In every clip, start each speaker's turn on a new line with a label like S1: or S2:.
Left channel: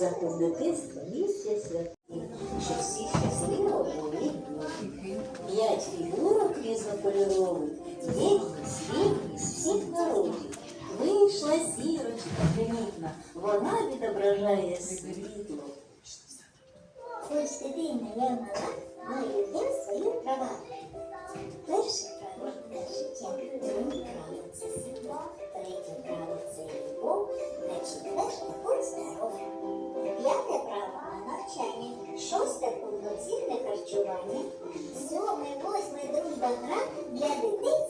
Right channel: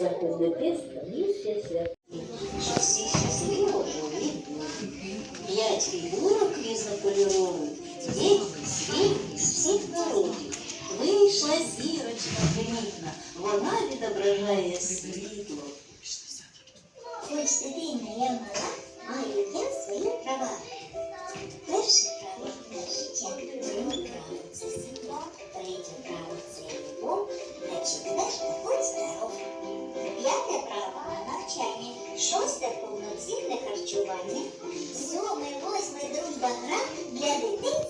S1: заходити скоріше свят. Щоб всі щасливо жили. П'ять фігурок різнокольорових, єдні, світлі з всіх народів. Вийшла зірочка примітна, вона відображає світло.
S2: Хоч дитина я мала, маю я свої права. Перше право життя, друге право це сила, третє право це любов, а четверте. П'яте право навчання, шосте повноцінне харчування, сьоме, восьме дружба гра для дитинства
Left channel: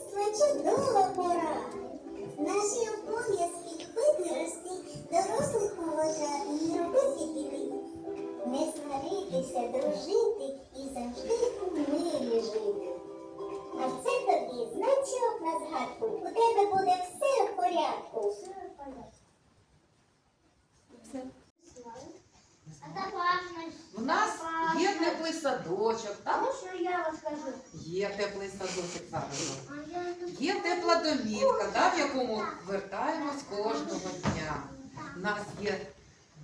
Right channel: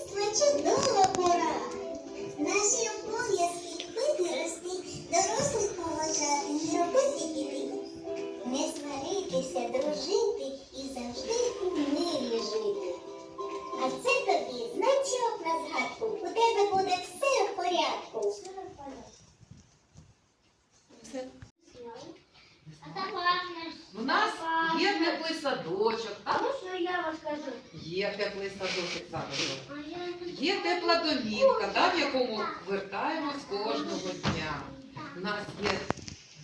S2: А
S3: так важно.
S4: У нас є теплий садочок,
S3: А
S4: так?
S3: можна я розкажу?
S4: Є теплий садочок зараз.
S3: А я
S4: Є тепла домівка, да, в якому вертаємось кожного дня. У нас є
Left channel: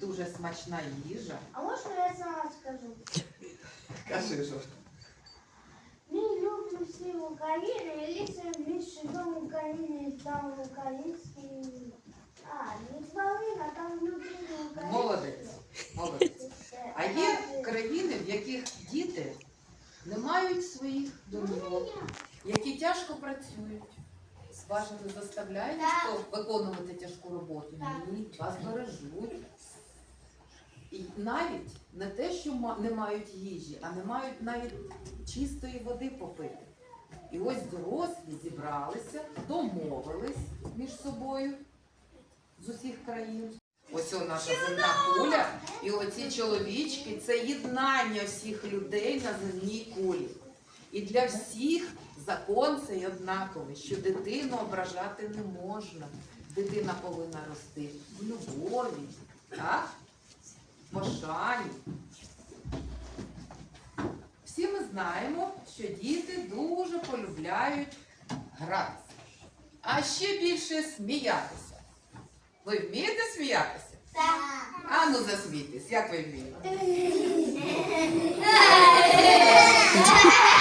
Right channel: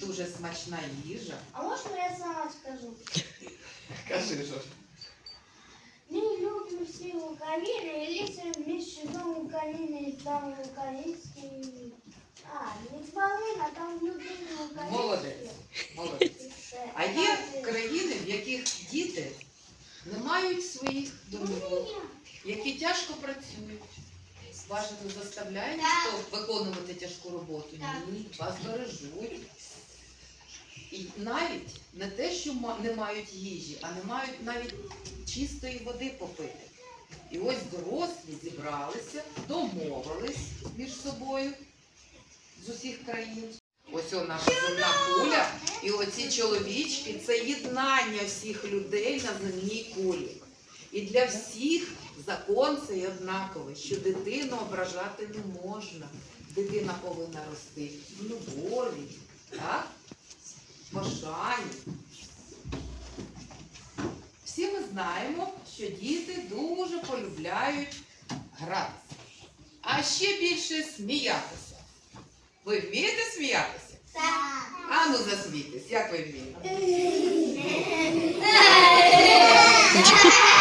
S4: дуже смачна їжа.
S3: А можна я сама скажу?
S4: Кажи що.
S3: Мы любим все Украины, велися вместе дом Украины, там украинский...
S4: Молодець. Молодець. А є країни, в яких діти не мають своїх домівок, які тяжко працюють. Вас же не заставляють хто виконувати тяжку роботу. Ні, вас бережуть. І навіть не те, що не мають їжі, а не мають навіть чистої води попити. І ось дорослі зібралися, домовились між собою з усіх країн. Ось наша земля куля, і оці чоловічки це єднання всіх людей на земній кулі. І для всіх закон цей однаковий, що дитину ображати не можна. Дитина повинна рости в любові, так? пошані. Всі ми знаємо, що діти дуже полюбляють гратися, а ще більше сміятися. Ви вмієте сміятися? А ну засмійтесь, як ви вмієте?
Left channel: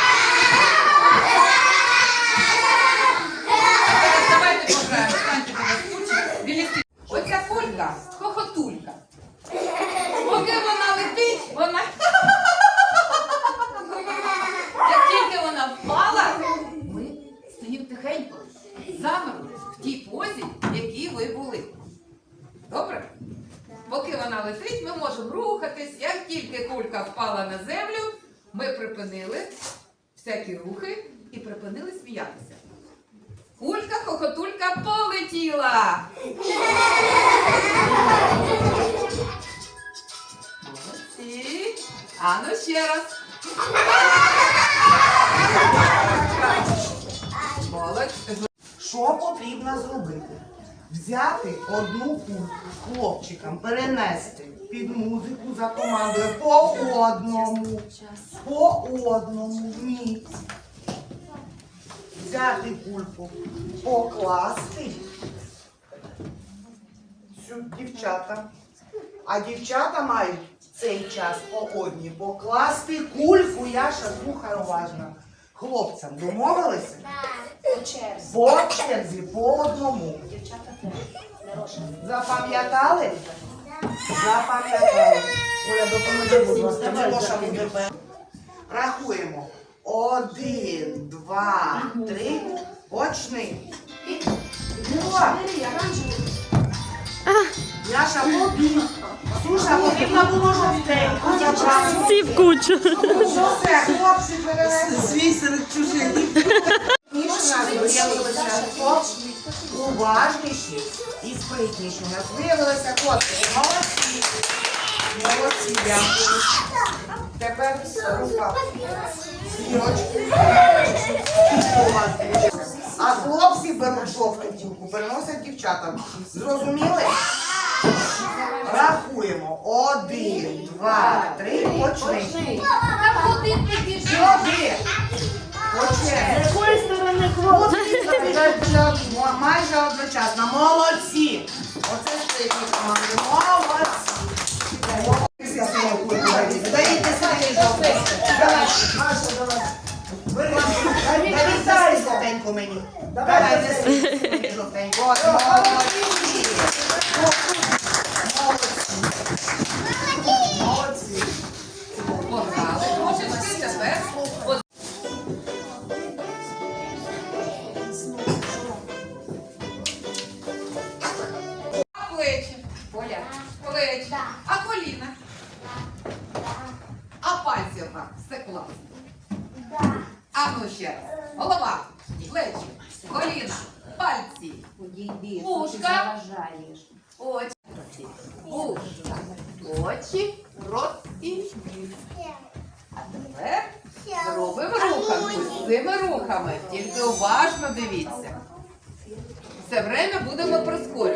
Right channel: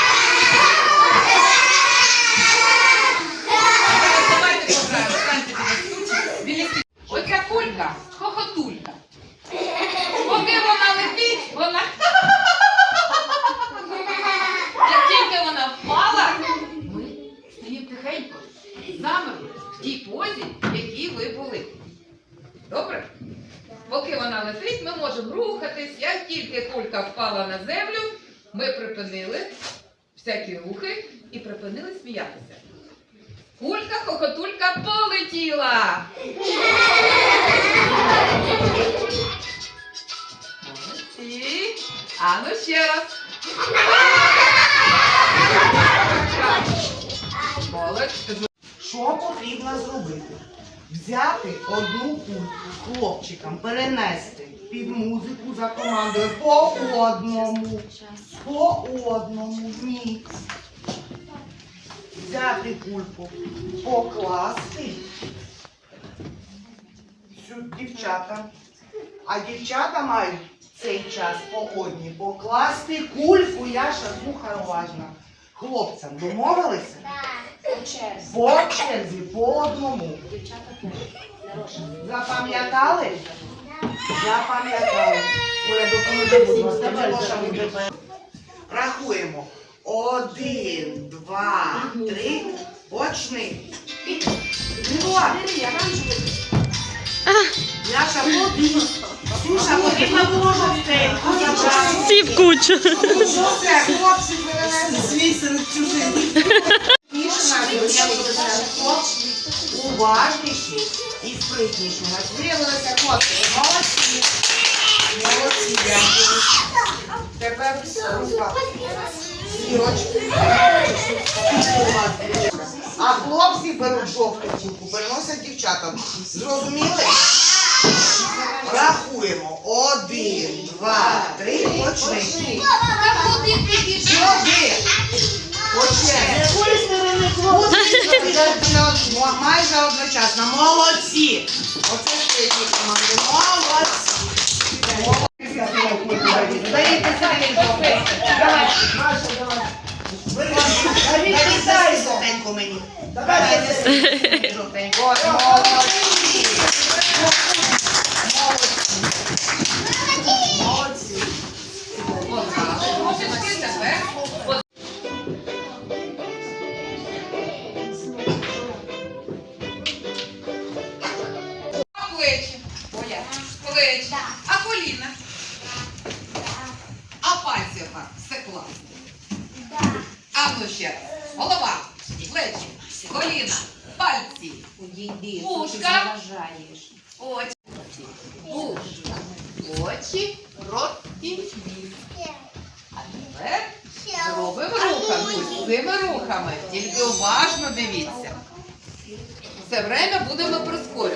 S4: Зараз давайте пограємо. Станьте біля кучі, біля стіни. Оця кулька хохотулька. Поки вона летить, вона. Як тільки вона впала, ми стоїмо тихенько, замерли в тій позі, в якій ви були. Добре? Поки ми можемо рухатись. Як тільки кулька впала на землю, ми припинили всякі рухи і припинили сміятися. Кулька, хохотулька полетіла. Молодці. А ну ще раз. Молодці.
S5: Що потрібно зробити? Взяти одну кульку хлопчикам, перенести під музику за командою по одному, по одному, ні. Взяти кульку, покласти сюди дівчата. А дівчата мають цей час по одній покласти кульку, Яша, слухай уважно. Хлопцям домовилися? По черзі, по одному. Запам'ятали? Запам'ятали. Оля, допоможи, будь ласка, Милоша буде перший. Рахуємо. Один, два, три. Почни. Яша, побіг. Суша, потрібно було жовтеньку забрати.
S6: Всі в кучу.
S5: Що хлопці, перенесли? Свій серед чужих. Більше нас хлопці уважніші і спритніші. У нас виявилося хлопці. Дякую. Тепер рука. Зірочки. А хлопці беруть жовту кульку, переносять дівчатам. Зрозуміли? Рахуємо. Один, два, три, почни. Сюди. Почни. Майже одночасно. Молодці. Оце спритні команди. Молодці.
S7: Давай, Маша, давай. Ви Дай мені. Давай, неси жовтеньку. От, молодці.
S4: Заважаєш.
S8: очі, вушка, очі, рот і ніс. А тепер зробимо рухами, цими рухами. Тільки уважно дивіться. Все время будемо прискорюватися.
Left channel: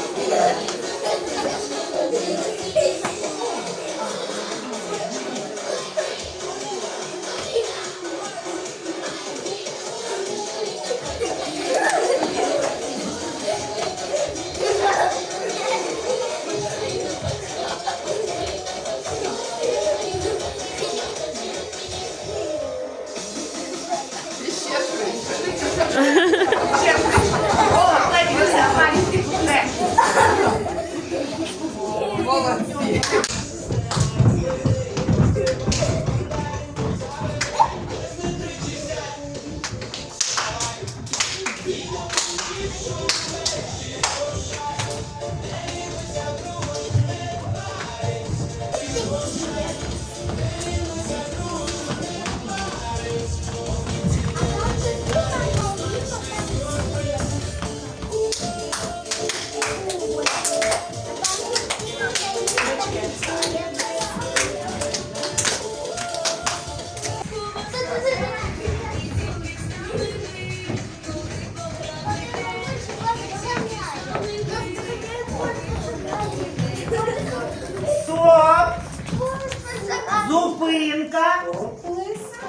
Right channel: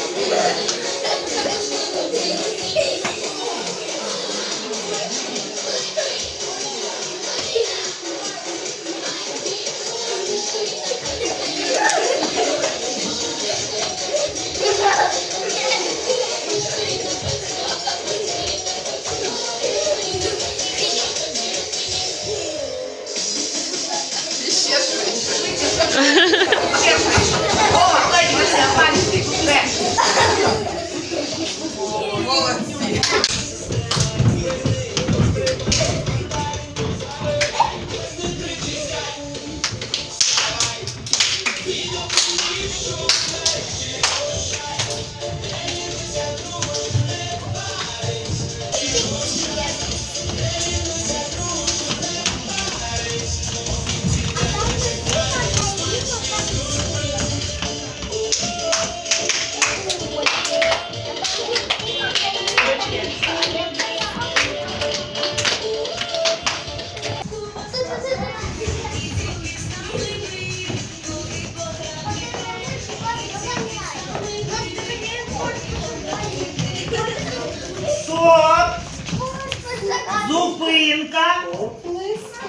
S7: Зупинка.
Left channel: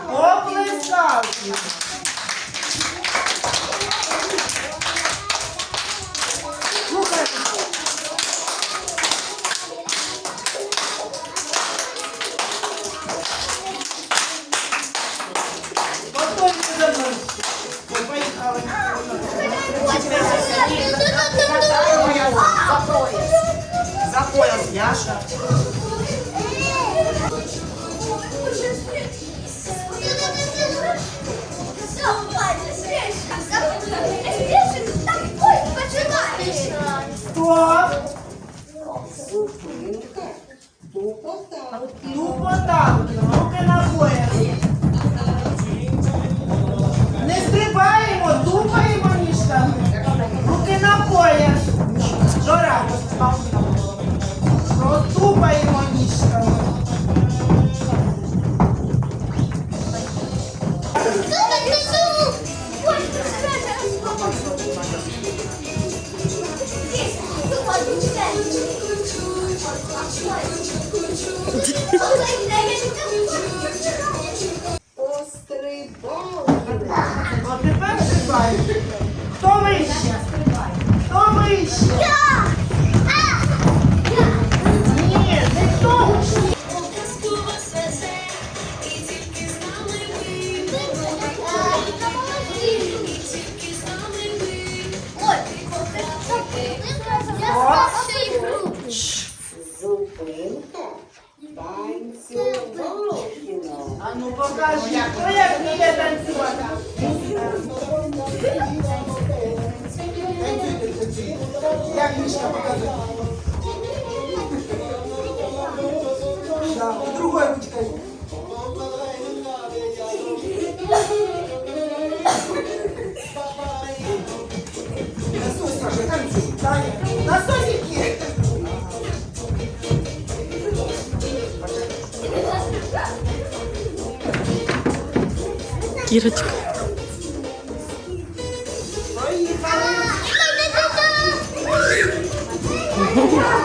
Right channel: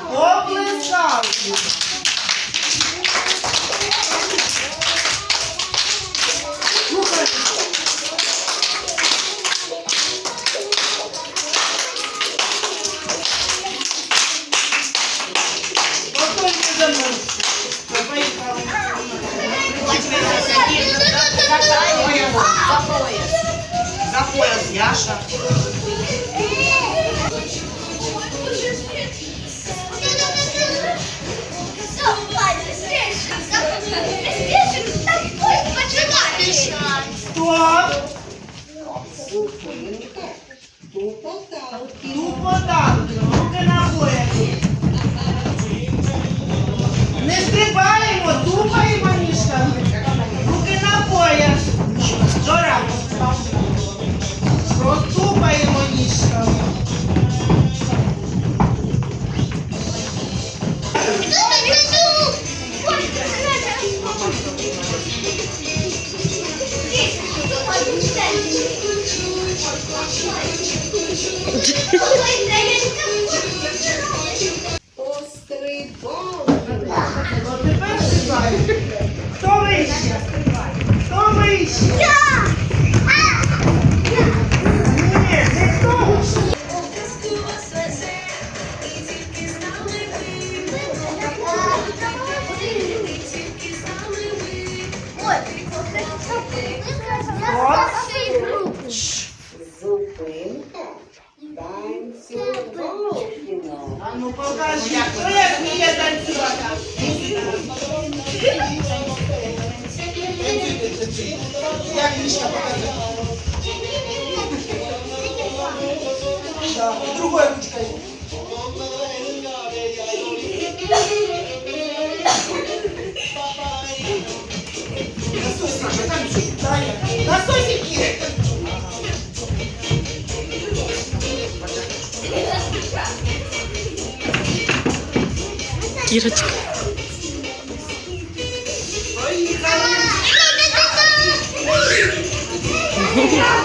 S7: Оплескалки. Слухай. Повторюй за мною. Ми поїхали. За пояс, Яша. Вище? Ні, не хто Мишка, покажи. Да, другой ручкой. Насосики,
S9: танцуй,
S2: Кирочка.
S1: Yeah.